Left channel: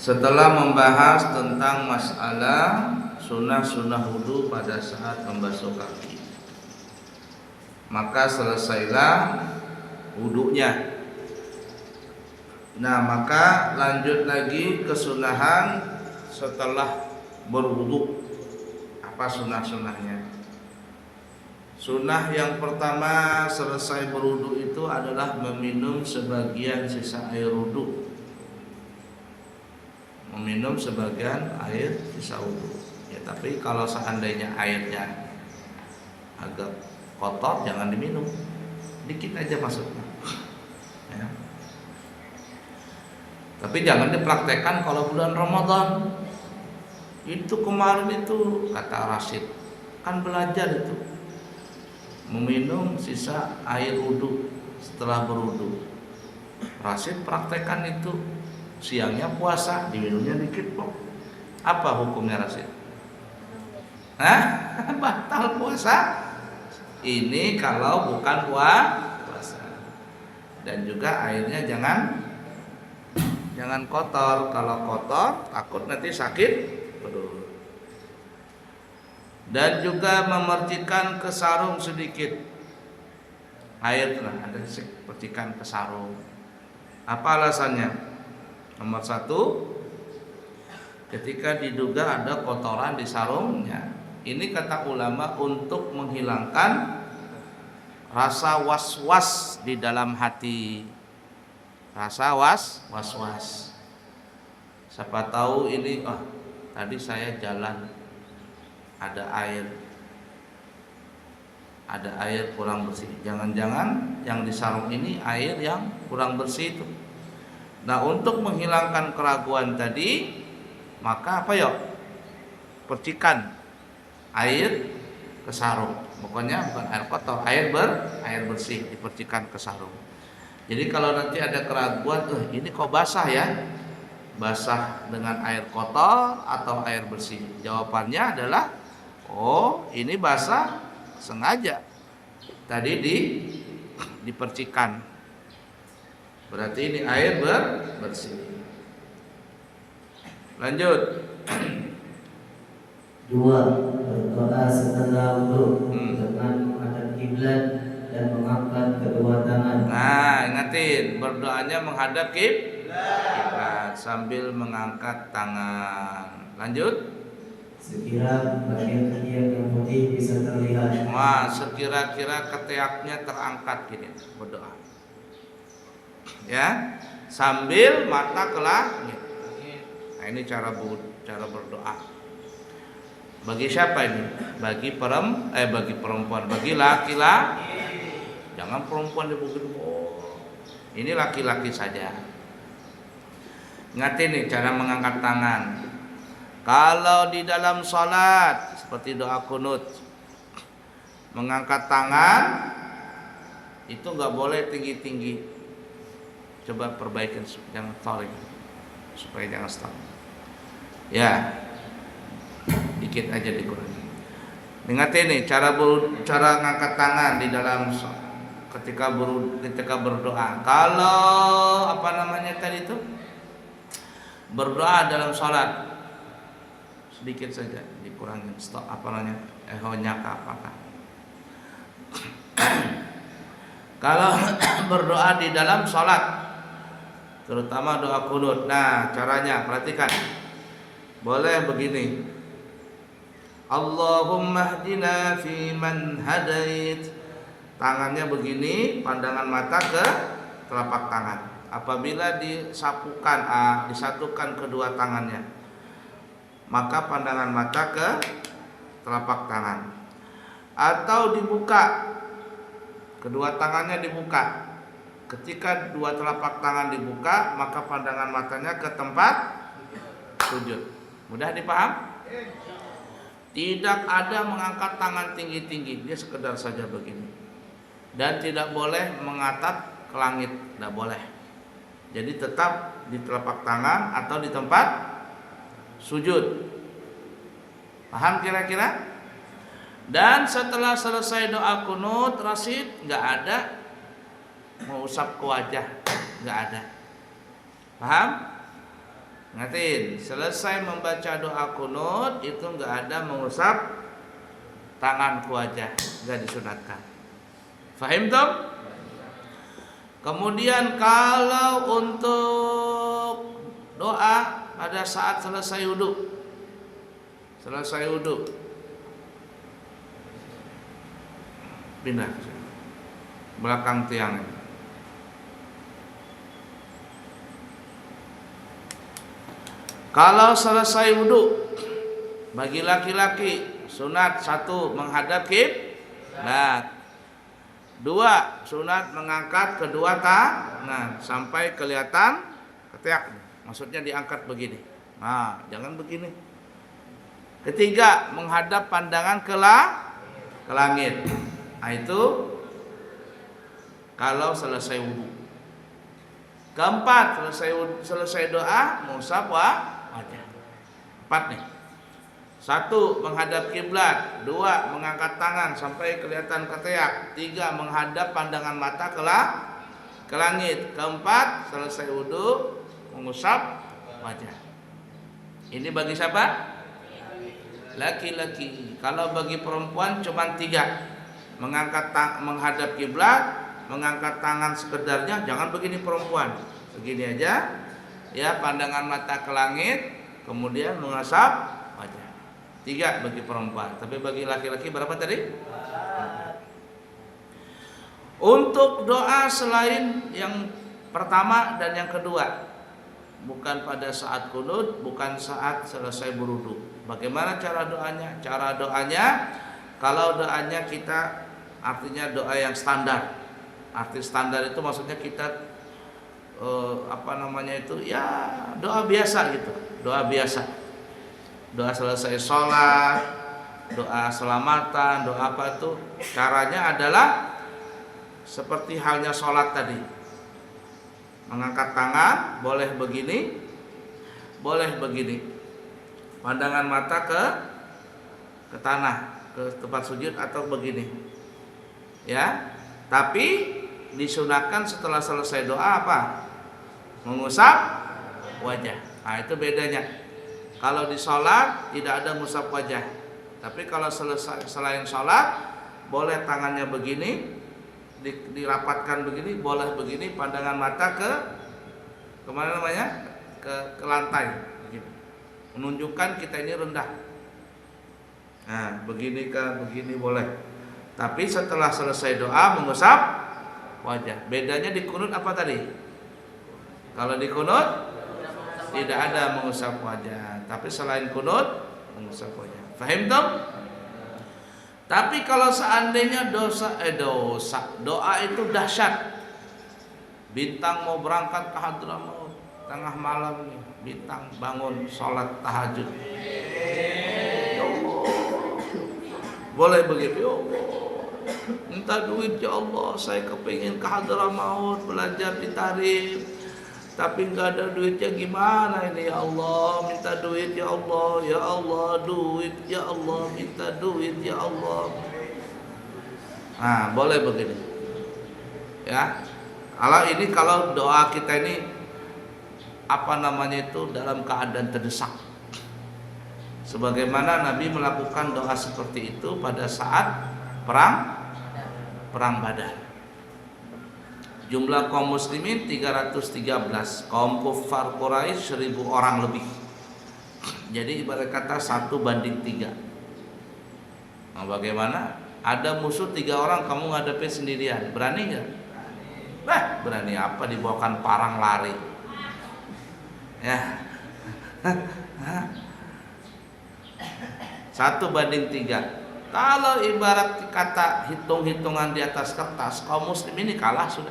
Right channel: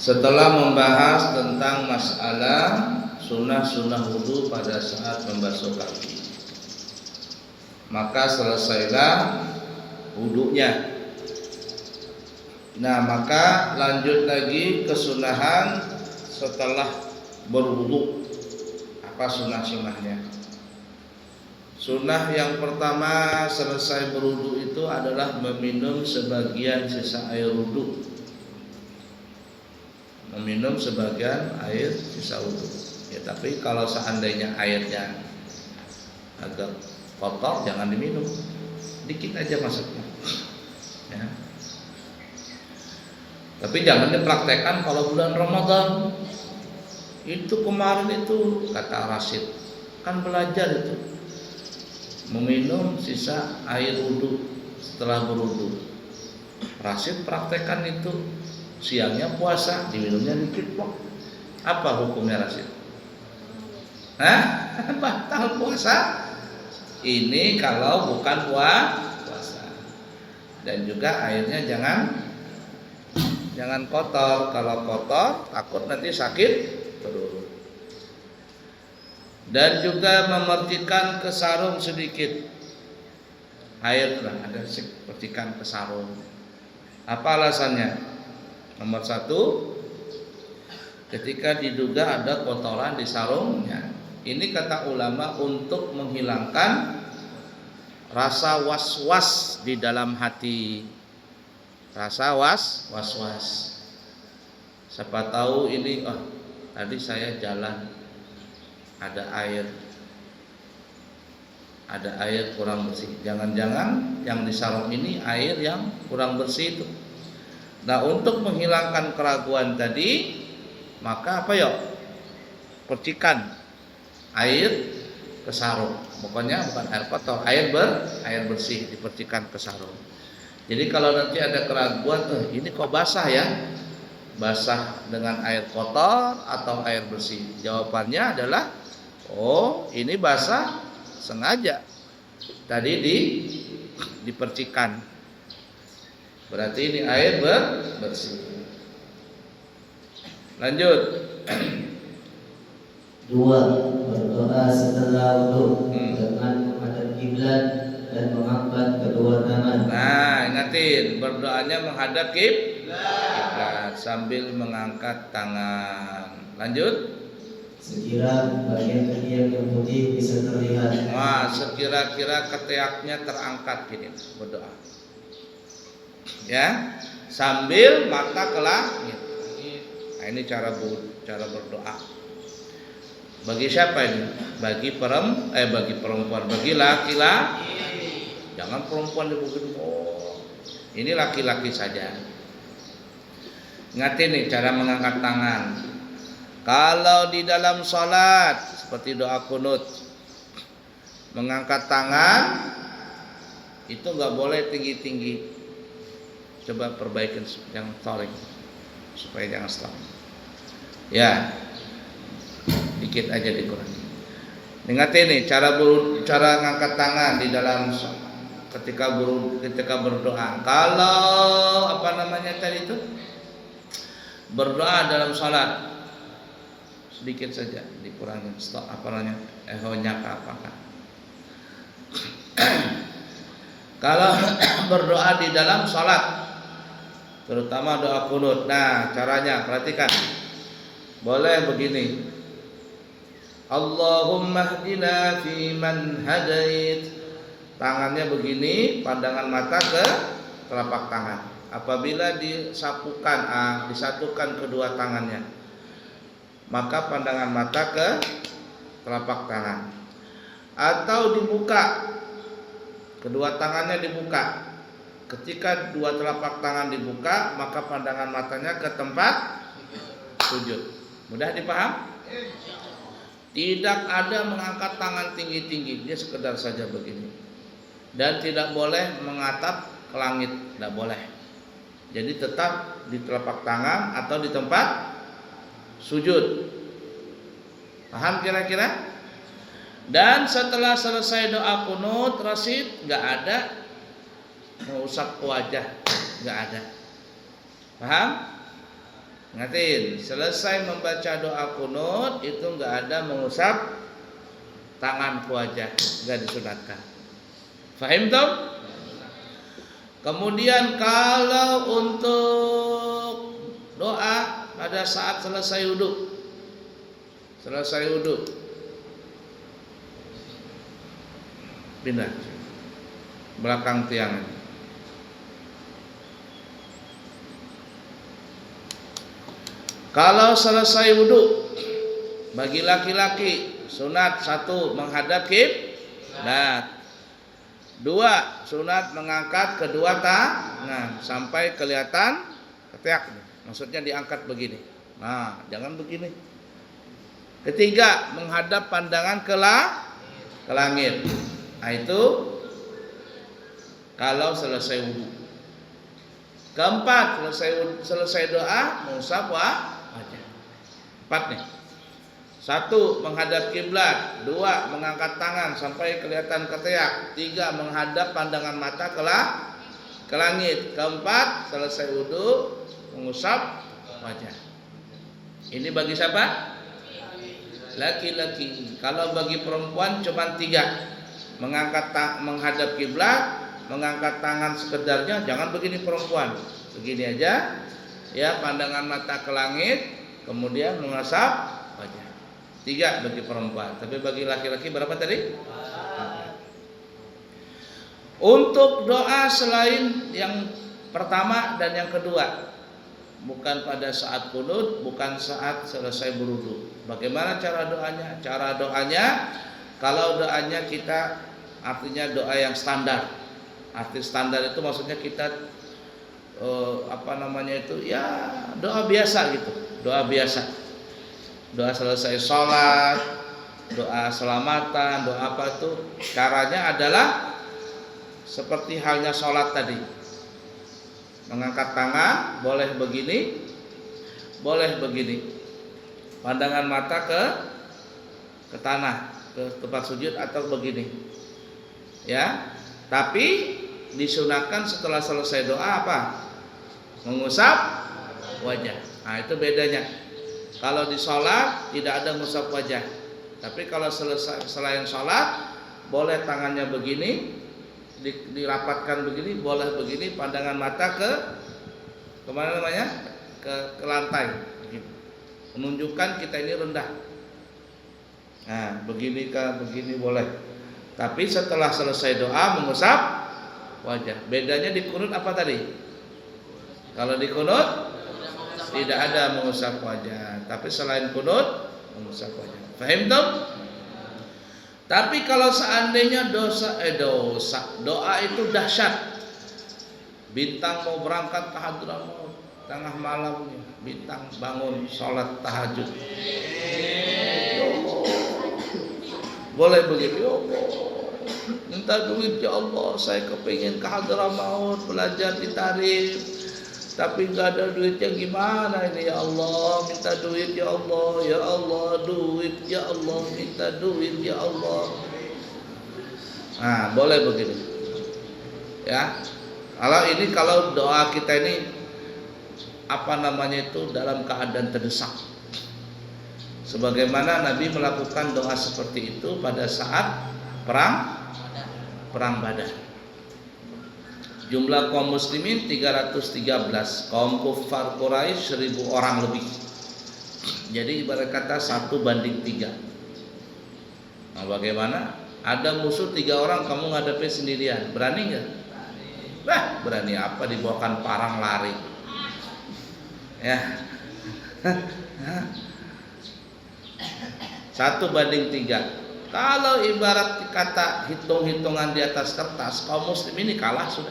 Setelah membahas tentang masalah sunnah-sunnah wudu pada saat membasuh kaki, maka selesailah wudunya. Nah, maka lanjut lagi kesunahan setelah berwudu. Apa sunnah-sunnahnya? Sunnah yang pertama selesai berwudu itu adalah meminum sebagian sisa air wudu. Meminum sebagian air sisa wudu. Ya, tapi kalau seandainya airnya agak kotor jangan diminum. Dikit aja maksudnya. Ya. Tapi jangan dipraktekkan kalau bulan Ramadan. Itu kemarin itu kata Rasid, kan belajar itu meminum sisa air wudu setelah berwudu. Rasid praktekkan itu, siangnya puasa diminumnya dikit kok. Apa hukumnya Rasid? Hah? Batal puasa? Ini kalau bukan puasa. Dan juga airnya jangan kotor. Kalau kotor takut nanti sakit perut. Dan juga memercikan ke sarung sedikit. Air ada percikan ke sarung. Apa alasannya? Nomor satu, ketika diduga ada kotoran di sarungnya. Ini kata ulama untuk menghilangkan rasa was-was di dalam hati. Rasa was-was. Siapa tahu ini, tadi saya jalan ada air kurang bersih. Jangan-jangan yang di sarung ini air yang kurang bersih itu. Nah, untuk menghilangkan keraguan tadi, maka apa ya? Percikan air ke sarung. Pokoknya bukan air kotor, air bersih dipercikan ke sarung. Jadi kalau nanti ada keraguan, ini kok basah ya? Basah dengan air kotor atau air bersih? Jawabannya adalah, ini basah sengaja. Tadi dipercikan. Berarti ini air bersih. Lanjut. 2. Berdoa setelah wudu dengan menghadap kiblat dan mengangkat kedua tangan. Nah, ingatin, berdoanya menghadap kiblat sambil mengangkat tangan. Lanjut. Sekira bagian ketiak yang putih bisa terlihat. Wah, sekira-kira ketiaknya terangkat gini berdoa. Ya, sambil mata ke langit. Nah, ini cara berdoa. Bagi siapa ini? Bagi perempuan, bagi laki-laki. Jangan perempuan begitu. Ini laki-laki saja. Ingatin nih cara mengangkat tangan. Kalau di dalam salat seperti doa kunut, mengangkat tangan itu nggak boleh tinggi-tinggi. Coba perbaikin, jangan stalling, supaya jangan stalling. Ya, dikit aja dikurangi. Ingatin nih cara ngangkat tangan di dalam ketika berdoa. Kalau tadi itu berdoa dalam salat sedikit saja dikurangin ehonya apakah. Kalau berdoa di dalam salat, terutama doa kunut. Nah, caranya perhatikan. Boleh begini. Allahumma hdina fi man hadait. Tangannya begini, pandangan mata ke telapak tangan. Apabila disatukan kedua tangannya, maka pandangan mata ke telapak tangan. Atau dibuka, kedua tangannya dibuka. Ketika dua telapak tangan dibuka, maka pandangan matanya ke tempat sujud. Mudah dipaham? Tidak ada mengangkat tangan tinggi-tinggi, dia sekedar saja begini. Dan tidak boleh mengatap ke langit, tidak boleh. Jadi tetap di telapak tangan atau di tempat sujud. Paham kira-kira? Dan setelah selesai doa kunut, Rasid, nggak ada mau usap ke wajah, nggak ada. Paham? Ingatin, selesai membaca doa kunut itu nggak ada mengusap tangan ke wajah, nggak disunatkan. Fahim toh? Kemudian kalau untuk doa pada saat selesai wudhu, pindah belakang tiang ini. Kalau selesai wudhu, bagi laki-laki sunat 1 menghadap kiblat, 2 sunat mengangkat kedua tangan sampai kelihatan ketiak. Maksudnya diangkat begini. Nah, jangan begini. Ketiga, menghadap pandangan ke langit. Nah, itu kalau selesai wudhu. Keempat, selesai doa mengusap wajah. 4 nih. 1 menghadap kiblat, 2 mengangkat tangan sampai kelihatan ketiak, 3 menghadap pandangan mata ke langit, keempat selesai wudhu mengusap wajah. Ini bagi siapa? Laki-laki. Kalau bagi perempuan cuma 3. Menghadap kiblat, mengangkat tangan sekedarnya, jangan begini perempuan. Begini aja. Ya, pandangan mata ke langit, kemudian mengusap wajah. 3 bagi perempuan. Tapi bagi laki-laki berapa tadi? 4. Untuk doa selain yang pertama dan yang kedua, bukan pada saat kunut, bukan saat selesai berwudu. Bagaimana cara doanya? Cara doanya, kalau doanya kita artinya doa yang standar. Arti standar itu maksudnya kita ya doa biasa gitu, doa biasa. Doa selesai sholat, doa selamatan, doa apa itu? Caranya adalah seperti halnya sholat tadi. Mengangkat tangan, boleh begini, boleh begini. Pandangan mata ke tanah, ke tempat sujud atau begini. Ya, tapi disunahkan setelah selesai doa apa? Mengusap wajah. Nah, itu bedanya. Kalau di sholat tidak ada mengusap wajah. Tapi kalau selain sholat, boleh tangannya begini, dirapatkan begini, boleh begini, pandangan mata kemana namanya? Ke lantai, begini. Menunjukkan kita ini rendah. Nah, begini boleh. Tapi setelah selesai doa mengusap wajah. Bedanya di kunut apa tadi? Kalau di kunut tidak ada mengusap wajah, tapi selain kunut mengusap wajah. Fahim toh? Tapi kalau seandainya doa itu dahsyat. Bintang mau berangkat ke Hadramaut tengah malam, bintang bangun sholat tahajud. Ya Allah, boleh begitu. Ya Allah, minta duit ya Allah, saya kepingin ke Hadramaut belajar di tarif, tapi nggak ada duitnya, gimana ini ya Allah, minta duit ya Allah, ya Allah, duit ya Allah, minta duit ya Allah. Nah, boleh begini. Ya. Kalau doa kita ini dalam keadaan terdesak. Sebagaimana Nabi melakukan doa seperti itu pada saat perang Badar. Jumlah kaum muslimin 313, kaum kufar Quraisy 1000 orang lebih. Jadi ibarat kata 1:3. Nah, bagaimana? Ada musuh 3 orang, kamu ngadepi sendirian, berani nggak? Berani apa, dibawakan parang lari. Ya. 1:3. Kalau ibarat kata hitung-hitungan di atas kertas, kaum muslimin ini kalah sudah.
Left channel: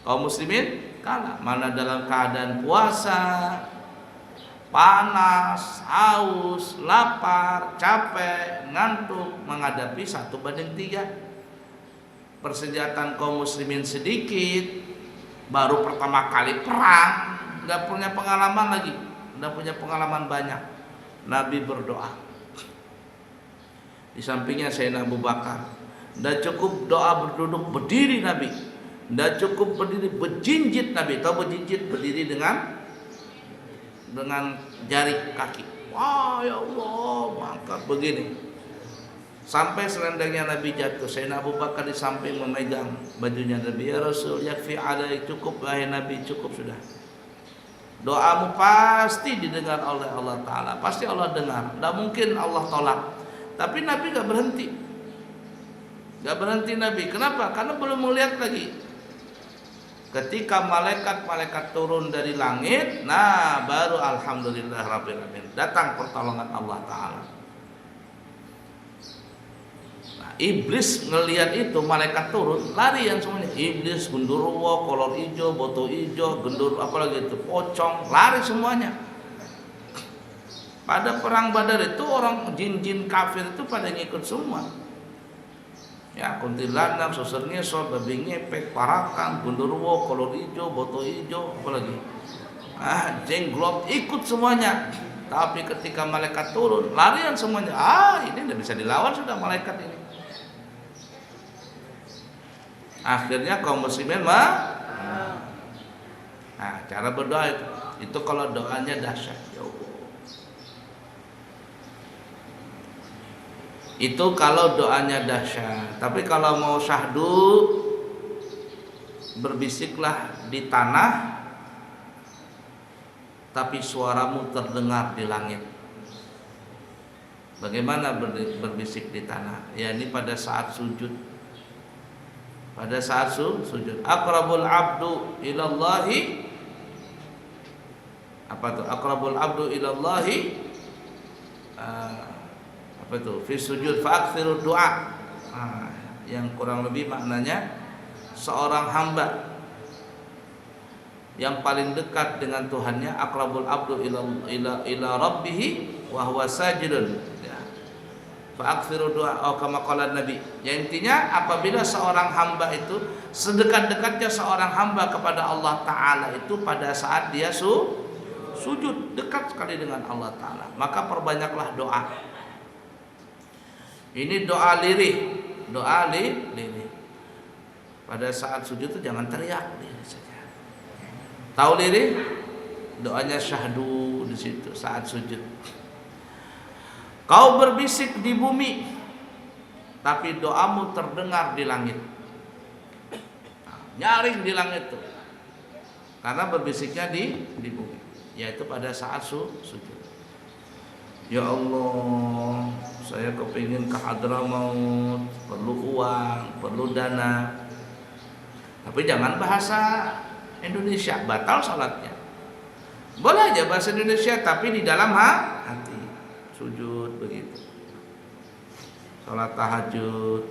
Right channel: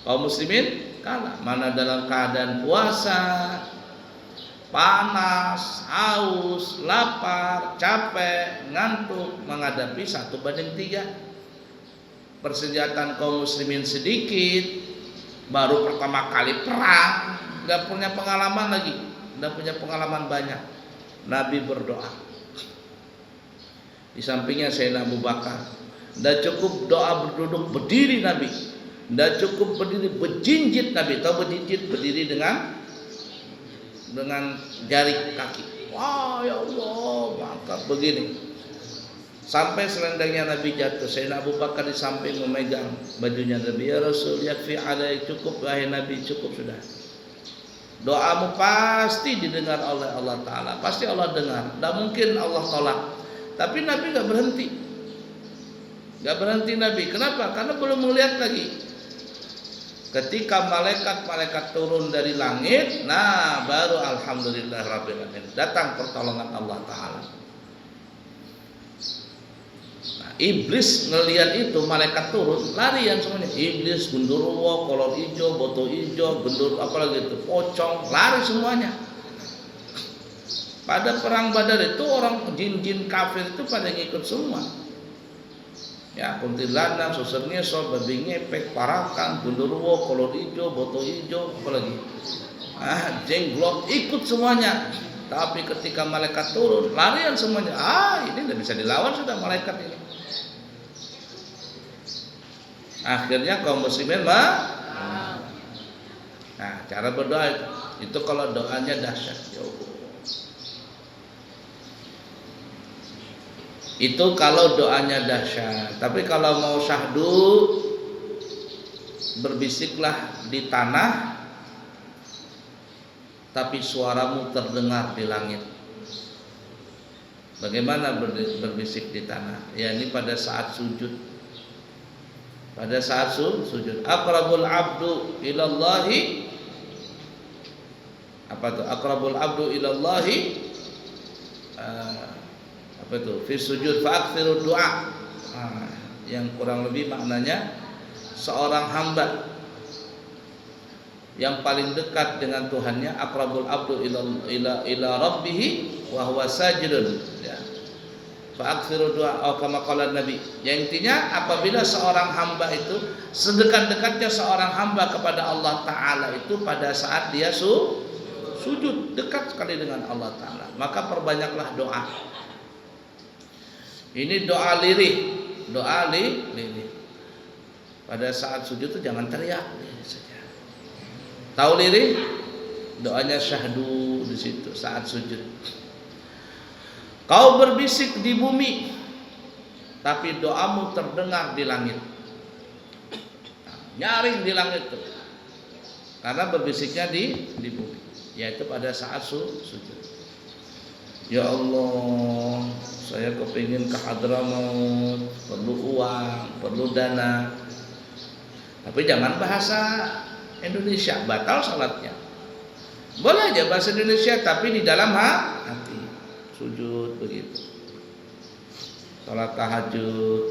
Kaum muslimin kalah. Mana dalam keadaan puasa, panas, haus, lapar, capek, ngantuk, menghadapi 1:3. Persenjataan kaum muslimin sedikit, baru pertama kali perang, nggak punya pengalaman lagi, nggak punya pengalaman banyak. Nabi berdoa. Di sampingnya Sayyidina Abu Bakar. Nggak cukup doa berduduk, berdiri Nabi. Nggak cukup berdiri, berjinjit Nabi. Tahu berjinjit? Berdiri dengan dengan jari kaki. Wah ya Allah, maka begini. Sampai selendangnya Nabi jatuh. Sayyidina Abu Bakar di samping memegang bajunya Nabi. Ya Rasul, yakfi alai, cukup wahai Nabi, cukup sudah. Doamu pasti didengar oleh Allah Ta'ala. Pasti Allah dengar. Tidak mungkin Allah tolak. Tapi Nabi gak berhenti. Gak berhenti Nabi. Kenapa? Karena belum melihat lagi. Ketika malaikat-malaikat turun dari langit, nah baru alhamdulillah rabbil alamin, datang pertolongan Allah Ta'ala. Iblis ngelihat itu malaikat turun, larian semuanya. Iblis, gundurwo, kolor hijau, boto hijau, gendur apalagi itu, pocong, lari semuanya. Pada perang Badar itu orang jin-jin kafir itu pada ngikut semua. Ya, kuntilanak, susur ngesot, babi ngepek, parakan, gundurwo, kolor hijau, boto hijau, apalagi. Jenglot ikut semuanya. Tapi ketika malaikat turun, larian semuanya. Ini tidak bisa dilawan sudah malaikat ini. Akhirnya kaum muslimin nah, cara berdoa itu kalau doanya dahsyat, ya Allah. Itu kalau doanya dahsyat. Tapi kalau mau syahdu, berbisiklah di tanah, tapi suaramu terdengar di langit. Bagaimana berbisik di tanah? Ya ini pada saat sujud. Pada saat sujud, aqrabul abdu ilallahi, apa itu? Aqrabul abdu ilallahi, apa itu? Fi sujud fa'aktsiru du'a. Yang kurang lebih maknanya seorang hamba yang paling dekat dengan Tuhannya, aqrabul abdu ila rabbih wa huwa sajidun. Ya. Fa'aktsiru du'a, kama qala Nabi. Yang intinya apabila seorang hamba itu sedekat-dekatnya seorang hamba kepada Allah Ta'ala itu pada saat dia sujud, dekat sekali dengan Allah Ta'ala, maka perbanyaklah doa. Ini doa lirih, doa lirih. Pada saat sujud itu jangan teriak, lirih saja. Tahu lirih? Doanya syahdu di situ saat sujud. Kau berbisik di bumi, tapi doamu terdengar di langit. Nyaring di langit itu, karena berbisiknya di bumi, yaitu pada saat sujud. Ya Allah, saya kepingin ke Hadramaut, perlu uang, perlu dana. Tapi jangan bahasa Indonesia, batal salatnya. Boleh aja bahasa Indonesia, tapi di dalam hati. Sujud begitu, salat tahajud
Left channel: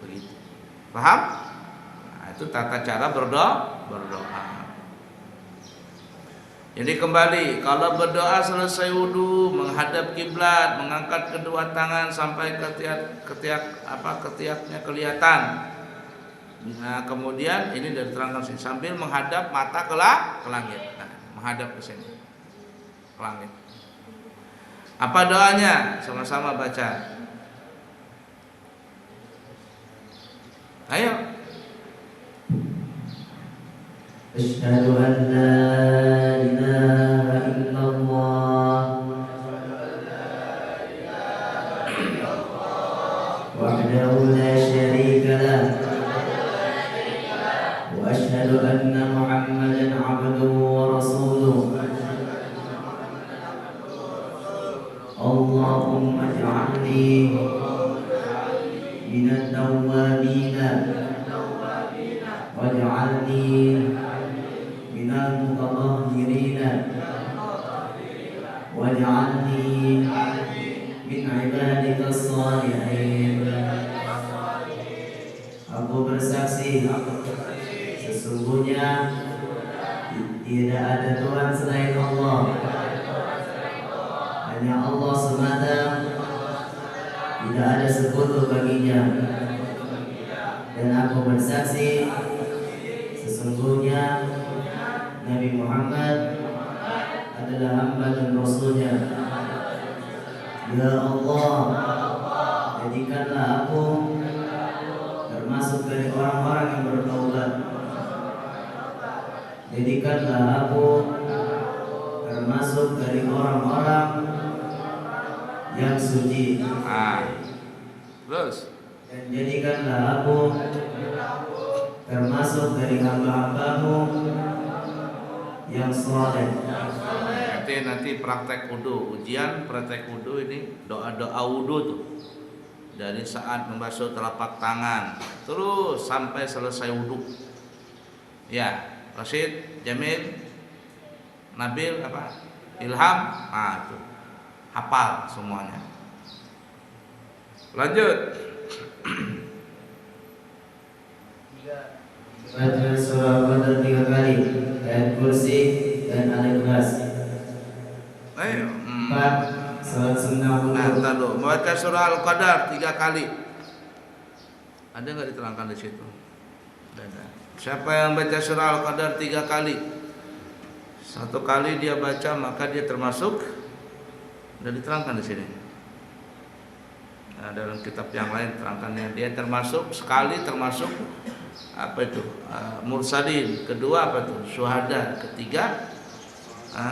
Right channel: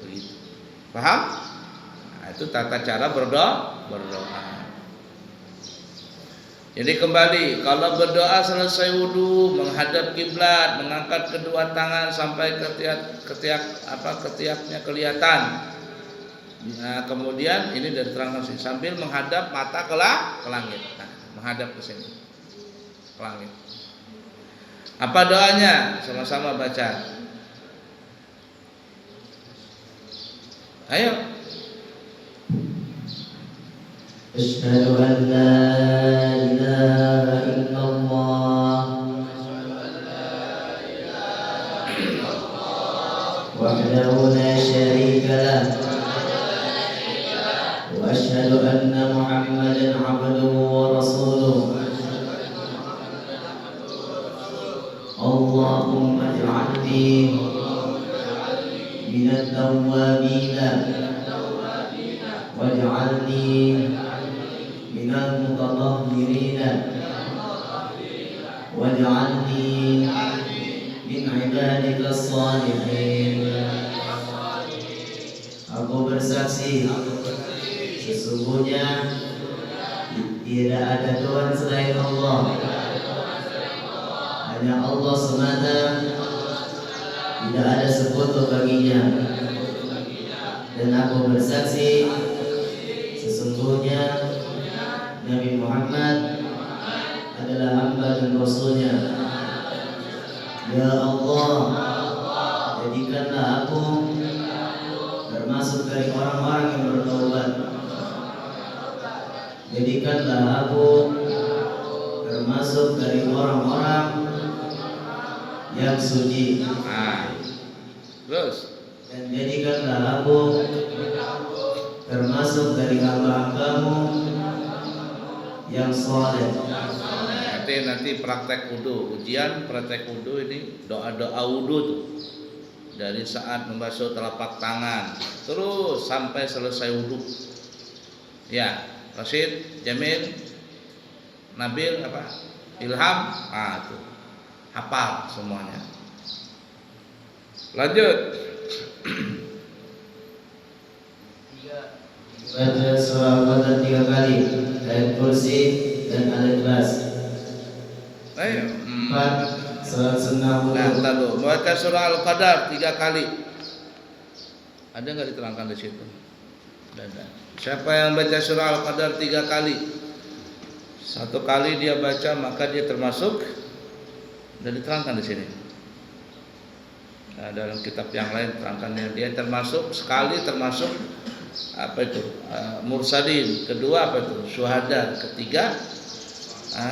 begitu, paham? Nah, itu tata cara berdoa. Jadi kembali, kalau berdoa selesai wudu, menghadap kiblat, mengangkat kedua tangan sampai ketiaknya kelihatan. Nah, kemudian ini diterangkan sini, sambil menghadap mata ke langit. Nah, menghadap ke sini, ke langit. Apa doanya? Sama-sama baca. Ayo. Asyhadu an la ilaha illallah wahdahu la syarika lah wa asyhadu anna Muhammadan abduhu wa rasuluh. Allahumma ij'alni minat tawwabina waj'alni minal mutatahhirina waj'alni min ibadikas shalihin. Aku bersaksi sesungguhnya tidak ada Tuhan selain Allah. Hanya Allah semata, tidak ada sekutu baginya. Dan aku bersaksi sesungguhnya Nabi Muhammad adalah hamba dan rasulnya. Ya Allah, jadikanlah aku termasuk dari orang-orang yang bertaubat. Jadikanlah aku termasuk termasuk dari orang-orang yang suci. Terus Dan jadikanlah aku termasuk dari hamba-hambamu yang soleh. Nanti praktek wudu, ujian praktek wudu ini doa-doa wudu tuh. Dari saat membasuh telapak tangan terus sampai selesai wudu. Ya, Rashid, Jamil, Nabil Ilham, itu hafal semuanya. Lanjut. Baca surah Al-Qadar 3 kali, ayat kursi dan Al-Ikhlas. 4. Salat sunnah wudu. Nah, dulu baca surah Al-Qadar 3 kali. Ada nggak diterangkan di situ? Ada. Siapa yang baca surah Al-Qadar 3 kali? 1 kali dia baca maka dia termasuk. Sudah diterangkan di sini. Nah, dalam kitab yang lain terangkannya dia termasuk sekali termasuk mursalin, kedua syuhada, ketiga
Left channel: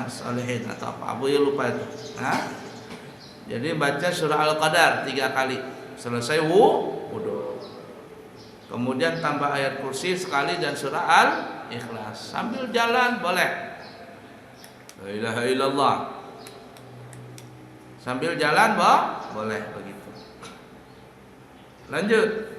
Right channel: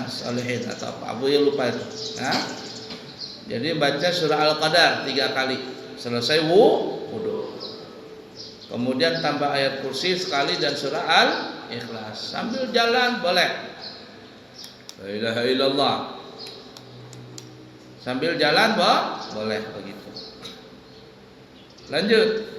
salihin atau apa Abu ya lupa itu. Jadi baca surah Al-Qadar 3 kali selesai wudu, kemudian tambah ayat kursi sekali dan surah Al-Ikhlas sambil jalan boleh. La ilaha illallah sambil jalan boleh begitu. Lanjut.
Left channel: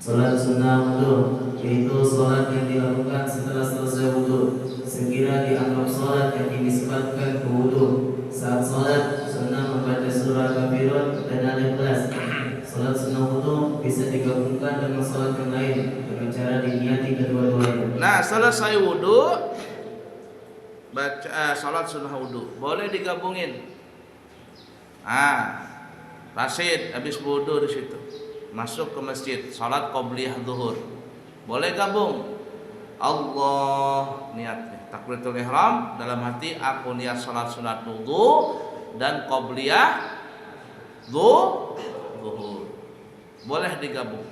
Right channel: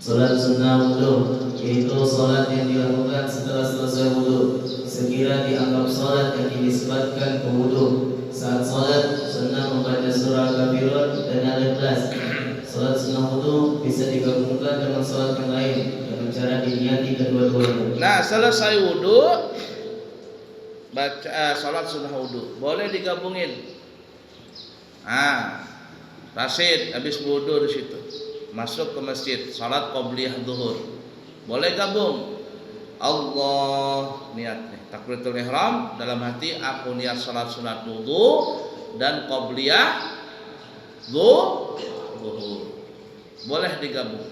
Salat sunnah wudu, yaitu salat yang dilakukan setelah selesai wudu, sekira dianggap salat yang dinisbatkan ke wudu. Saat salat sunnah membaca surah Al-Kafirun dan Al-Ikhlas. Salat sunnah wudu bisa digabungkan dengan salat yang lain dengan cara diniati kedua-duanya. Nah, selesai wudu baca salat sunnah wudu boleh digabungin. Rashid habis wudu di situ masuk ke masjid salat qobliyah zuhur boleh gabung. Allah niat nih takbiratul ihram dalam hati, aku niat salat sunat wudu dan qobliyah zuhur boleh digabung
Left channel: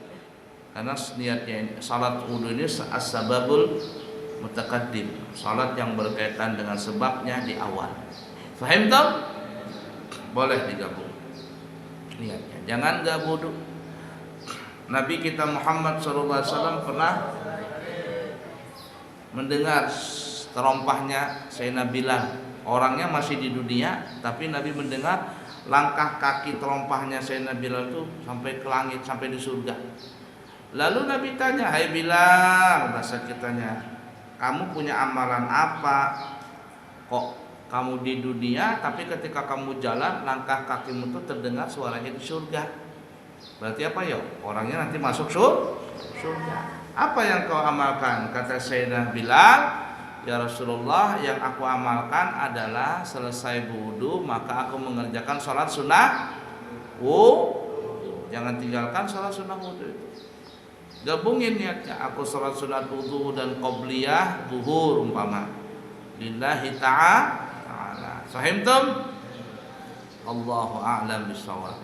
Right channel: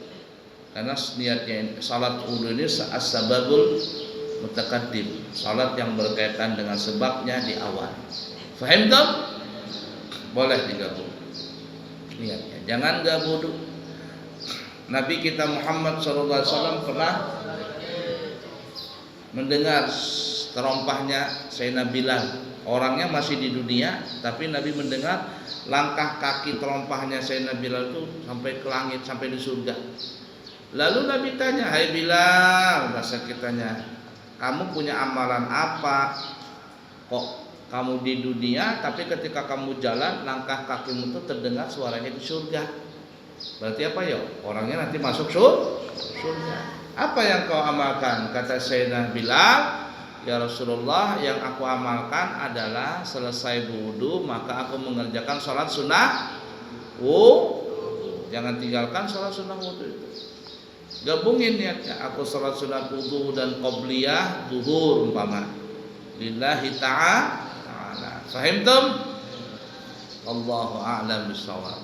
karena niatnya salat wudu ini as-sababul mutakaddim, salat yang berkaitan dengan sebabnya di awal. Faham tak? Boleh digabung niatnya, jangan gak wudu. Nabi kita Muhammad SAW pernah mendengar terompahnya Sayyidina Bilal. Orangnya masih di dunia, tapi Nabi mendengar langkah kaki terompahnya Sayyidina Bilal itu sampai ke langit, sampai di surga. Lalu Nabi tanya, hai Bilal, bahasa kitanya, kamu punya amalan apa? Kok kamu di dunia, tapi ketika kamu jalan langkah kakimu itu terdengar suaranya di surga. Berarti apa ya? Orangnya nanti masuk surga. Apa yang kau amalkan? Kata Sayyidina Bilal, ya Rasulullah, yang aku amalkan adalah selesai wudu maka aku mengerjakan salat sunnah wudu. Jangan tinggalkan salat sunnah wudu itu. Gabungin niatnya, aku salat sunat wudu dan qobliyah zuhur umpama. Lillahi ta'ala. Fahimtum? Allahu a'lam bishawab.